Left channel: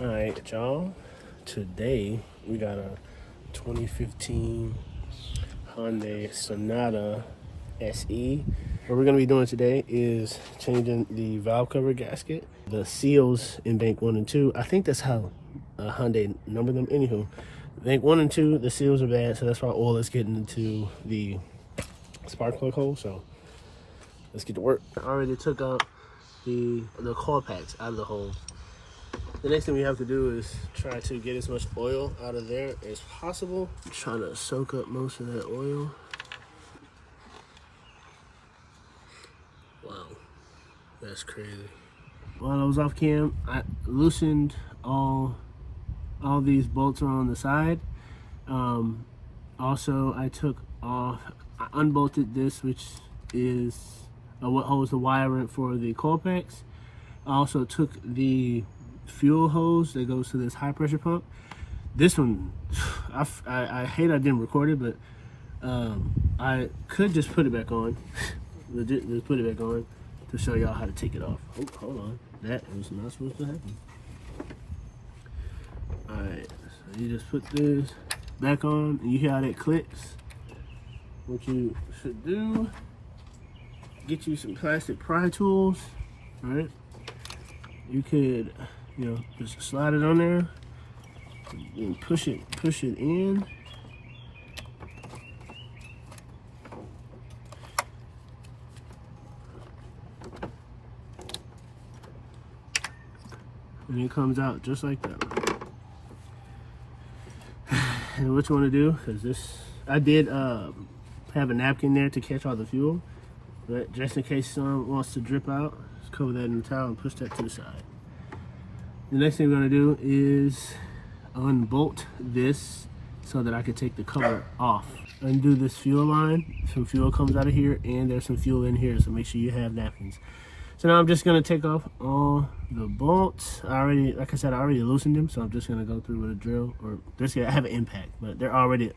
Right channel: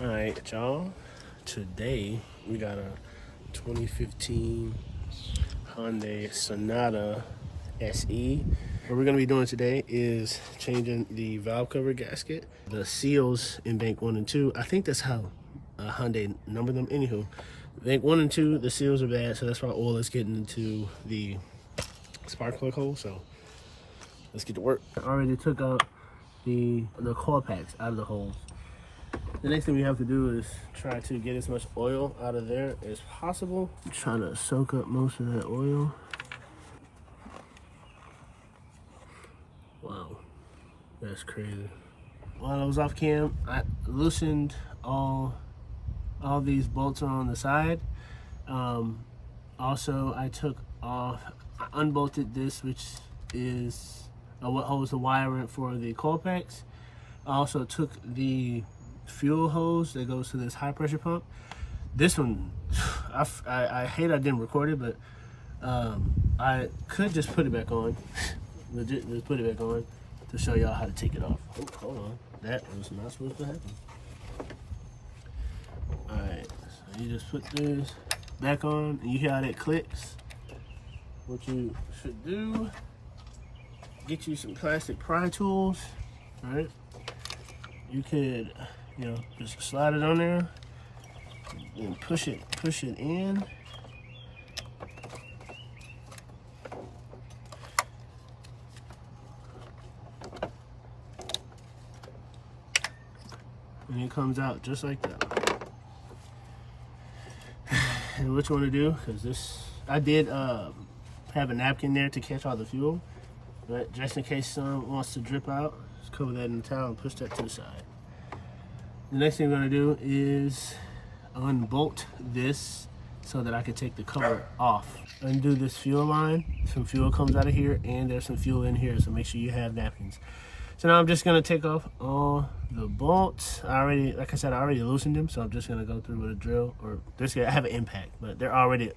All right, y'all. Today we got a 2015 Hyundai Sonata SE. What we're gonna be doing today is changing the valve cover gasket, the seals in bank 1 and 2. I think that's how Hyundai number them. Anywho, bank 1 and 2, the seals are bad, so that's why oil is getting into the spark plug hole. So let's get to work. I already took out the coil packs out of the hole. The next thing we have to do is try to get as much oil out of there as possible. Try to soak up most of that oil. Wow, that's crazy. While I was off cam, I loosened all these bolts on the side. Also, I unbolted this, which is what holds the wire for the coil packs. I also took the fuel hose that goes to this high pressure pump. This one, I hate I didn't record it, but I could just put it back on. Just put it back on to show y'all how to take it off. Oh, hold on, that was not supposed to happen. All right, so you just put this back on, and you hear how that clicks. What you should do, get you some plastic pry tools. All right, you could, just slide it on there and push it in. And it comes out just like that. And what you want to do, because this, I did have a napkin there to catch all the fuel, but just in case some wants to drip out, just cover that in the towel and push that to the side. The next thing we're going to do is unbolt this so that I can take the cover off. Undo this fuel line. Some fuel comes out of here, and there's some fuel in here, so make sure you have napkins. So now I'm just going to take off all the bolts. Like I said, I already loosened them, so I'm just going to go through with a drill. I have an impact, but they're already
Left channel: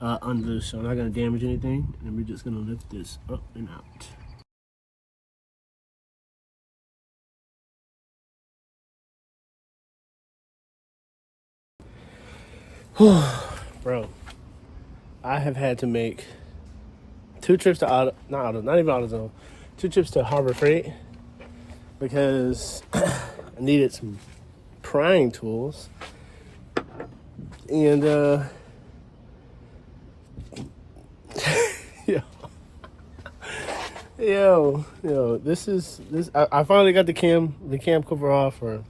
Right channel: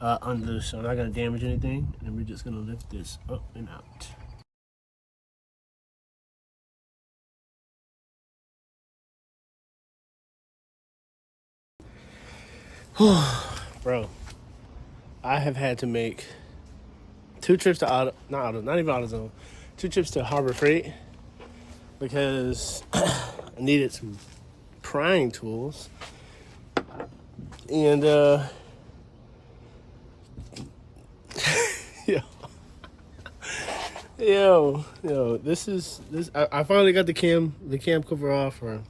unloosed, so I'm not going to damage anything. And we're just going to lift this up and out. Bro, I have had to make 2 trips to not even AutoZone, 2 trips to Harbor Freight because I needed some prying tools. And this. I finally got the cam cover off, or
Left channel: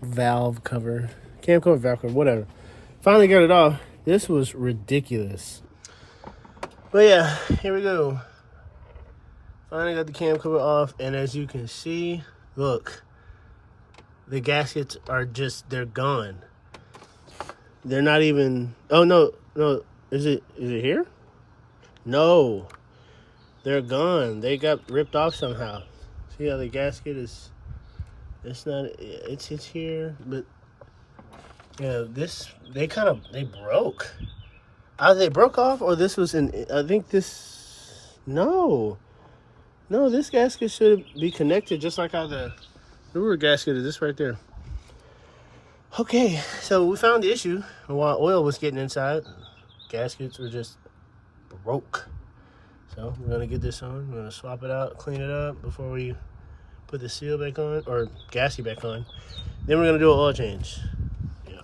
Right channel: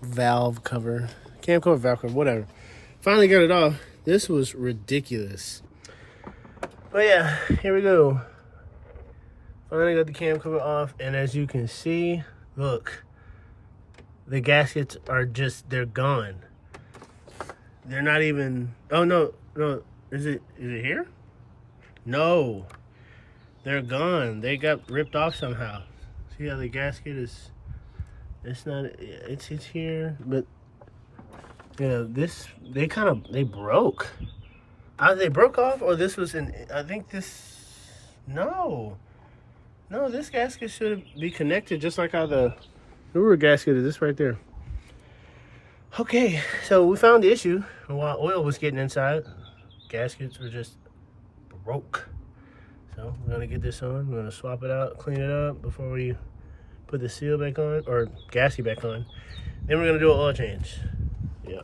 valve cover, cam cover, valve cover, whatever. Finally got it off. This was ridiculous. But yeah, here we go. Finally got the cam cover off, and as you can see, look, the gaskets are they're gone. They're not even, oh no, is it here? No, they're gone. They got ripped off somehow. See how the gasket is, it's here, but yeah, they broke. Either they broke off, or this was I think this, no, this gasket should be connected just like how the newer gasket is. This right there. Okay, so we found the issue. While oil was getting inside, gaskets were just broke. So we're gonna get this on. We're gonna swap it out, clean it up before we put the seal back on, or gasket back on. Then we're gonna do an oil change. Yeah.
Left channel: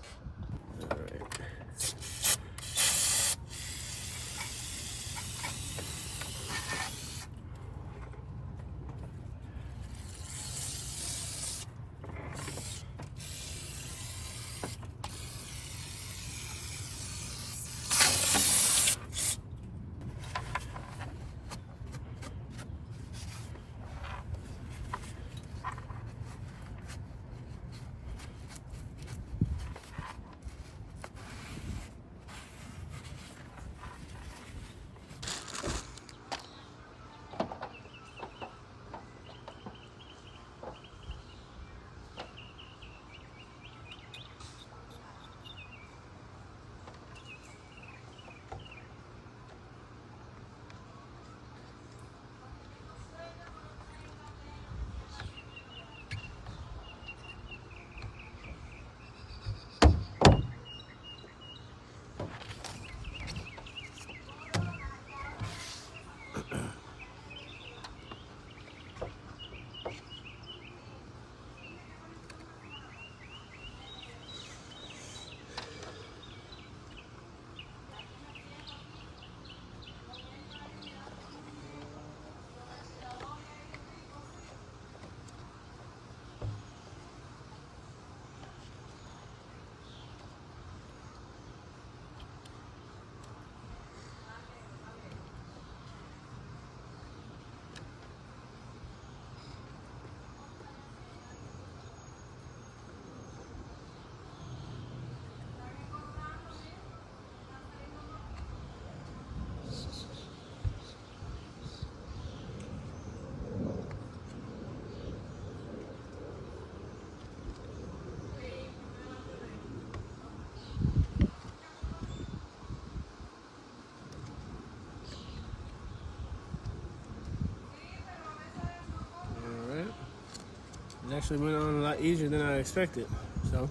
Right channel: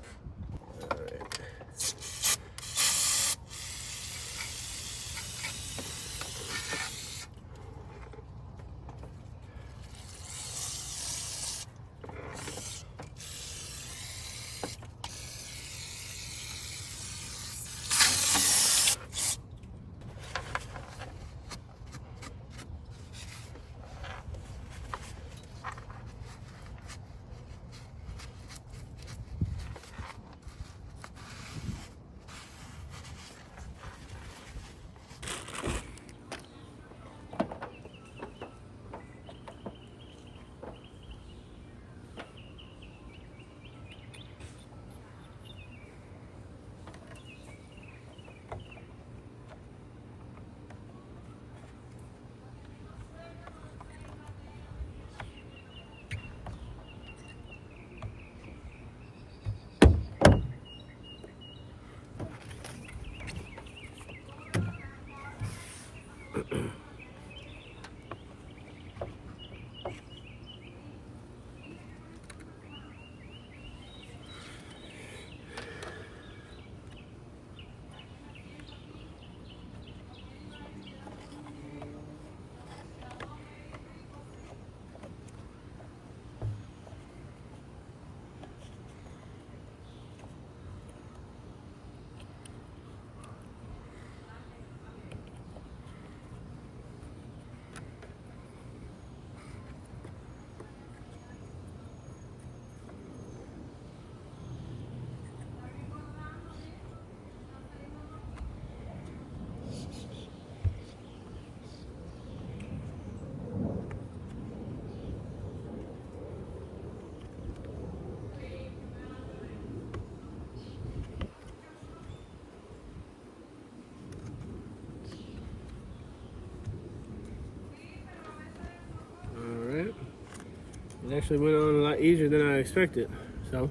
It actually went on a lot easier than I expected. So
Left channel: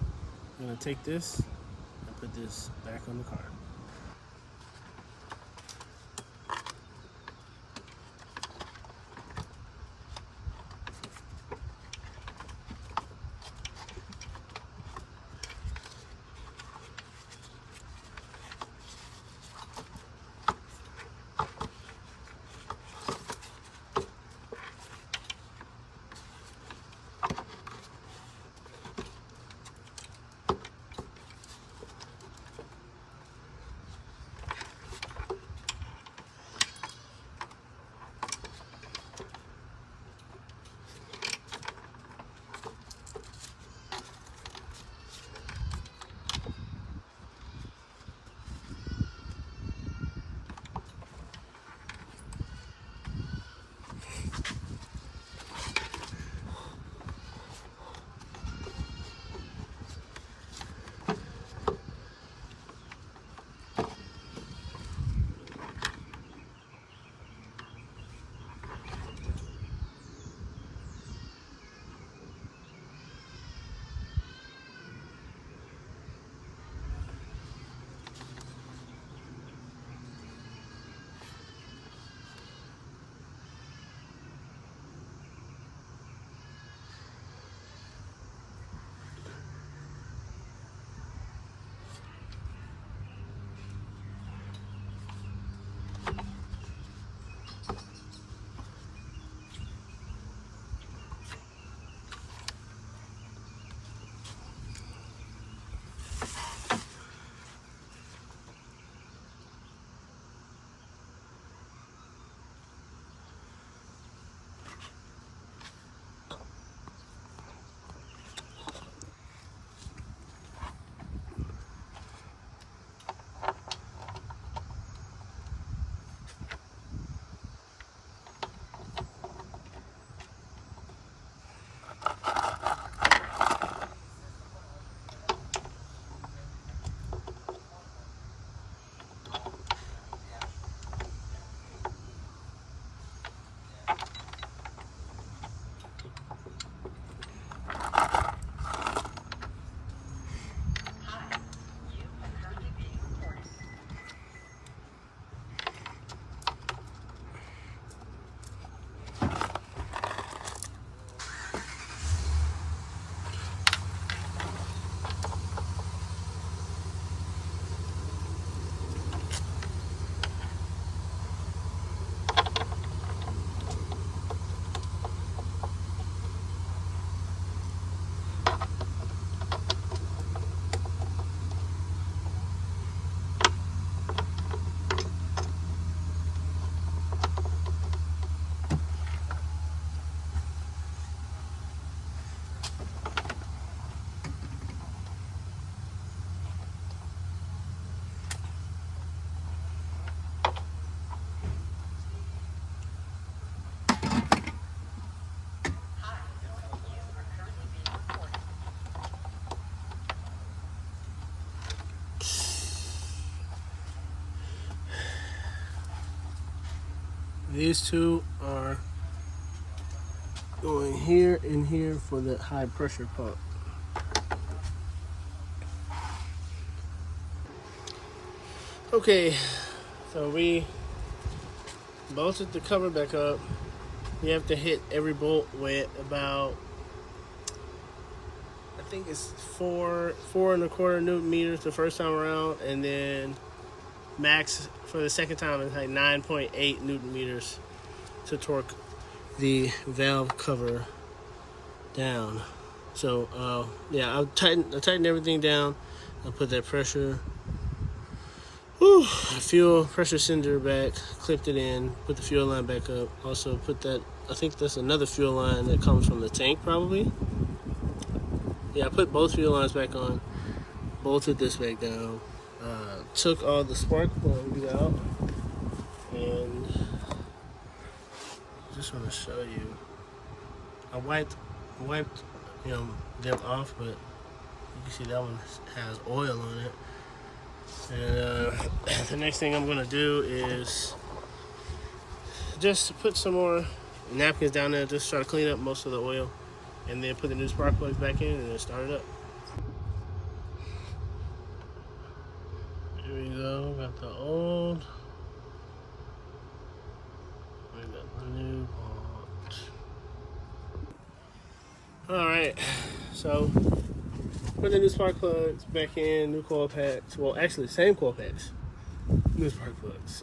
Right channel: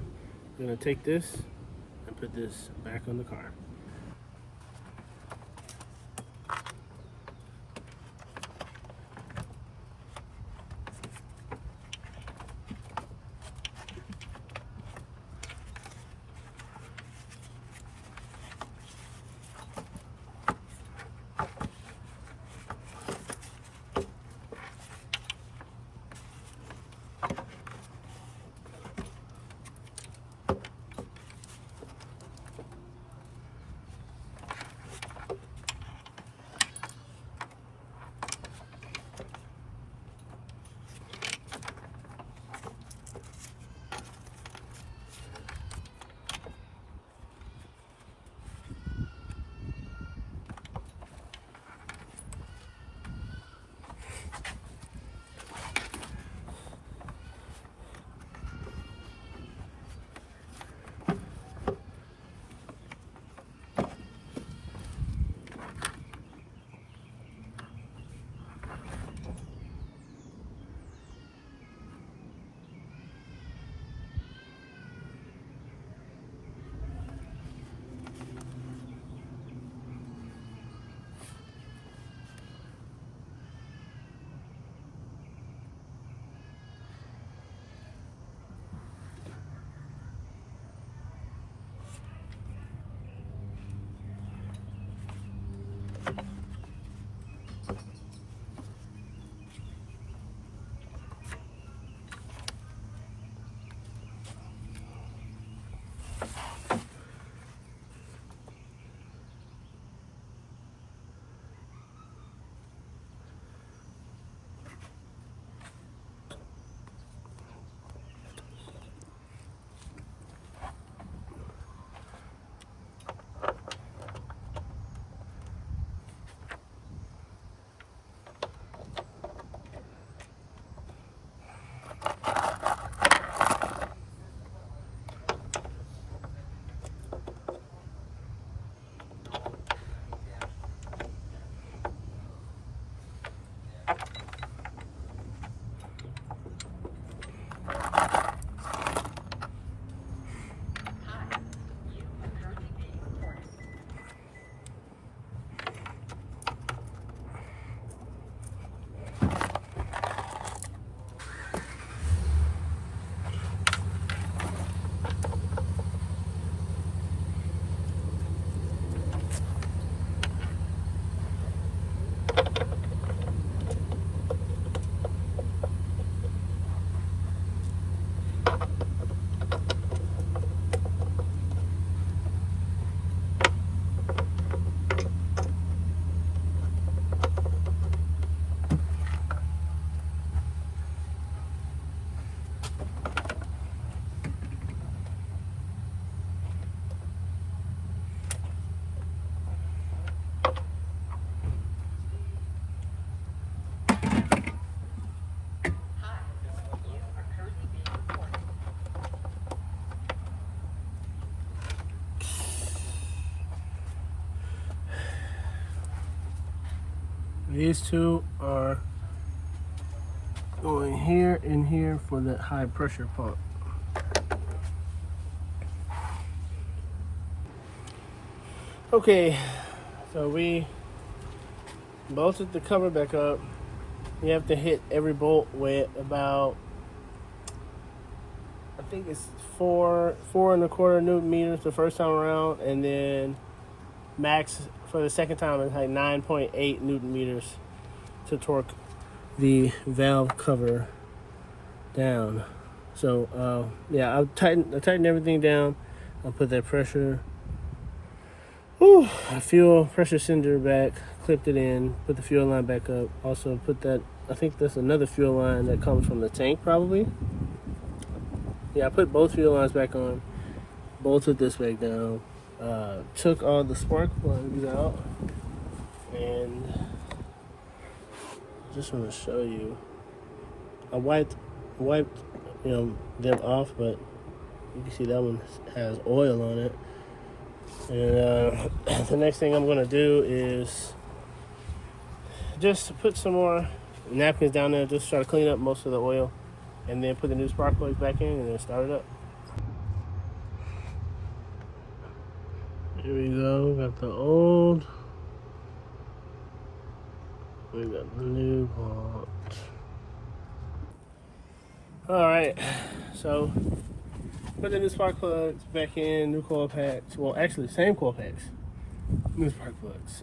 I'm gonna take this and put this back on the car. These two are going here and here for that high pressure pump. Okay, so we bolted the cover back up. We have to hit every bolt with about, I think it's 4.25 Newton meters the first time around, and then max for the second time is like 9.8 Newton meters to torque the valve cover down. So yeah, I'll tighten everything down. I'll put that pressure, fuel pressure cylinder back, clipped it in, put the fuel line back up. Also put that, I think that's another fuel line that comes from the tank probably. Yeah, I put both fuel lines back on, bolted this back down, took all the spark plugs out, and just want to show you. I wiped them off, but you can see that one has oil on it. And the next thing I'm gonna do is just put some more napkins down there, just try to clean up most of the oil. and then put the new spark plugs back in and then start it up. Here we go, got the old, we got the new part. Alright, so put the new spark plugs back in, new coil packs, well actually same coil packs, new spark plugs.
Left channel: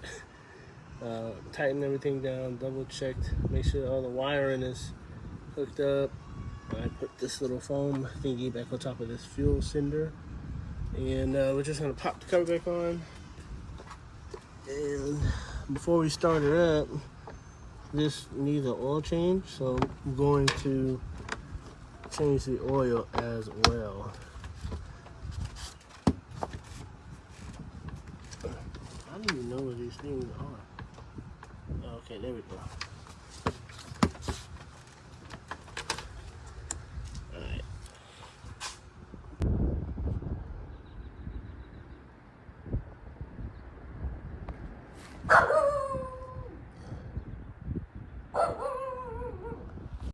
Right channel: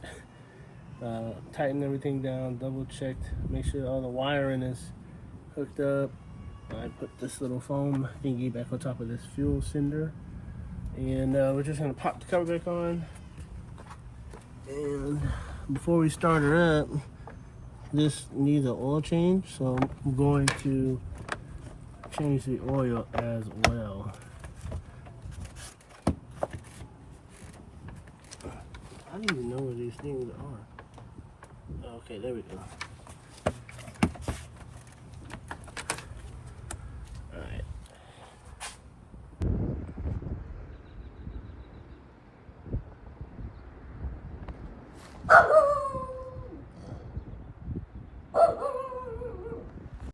Tighten everything down, double checked, make sure all the wiring is hooked up. I put this little foam thingy back on top of this fuel sender, and we're just gonna pop the cover back on. And before we start it up, this needs an oil change, so I'm going to change the oil as well. I don't even know where these things are. Okay, there we go. Alright.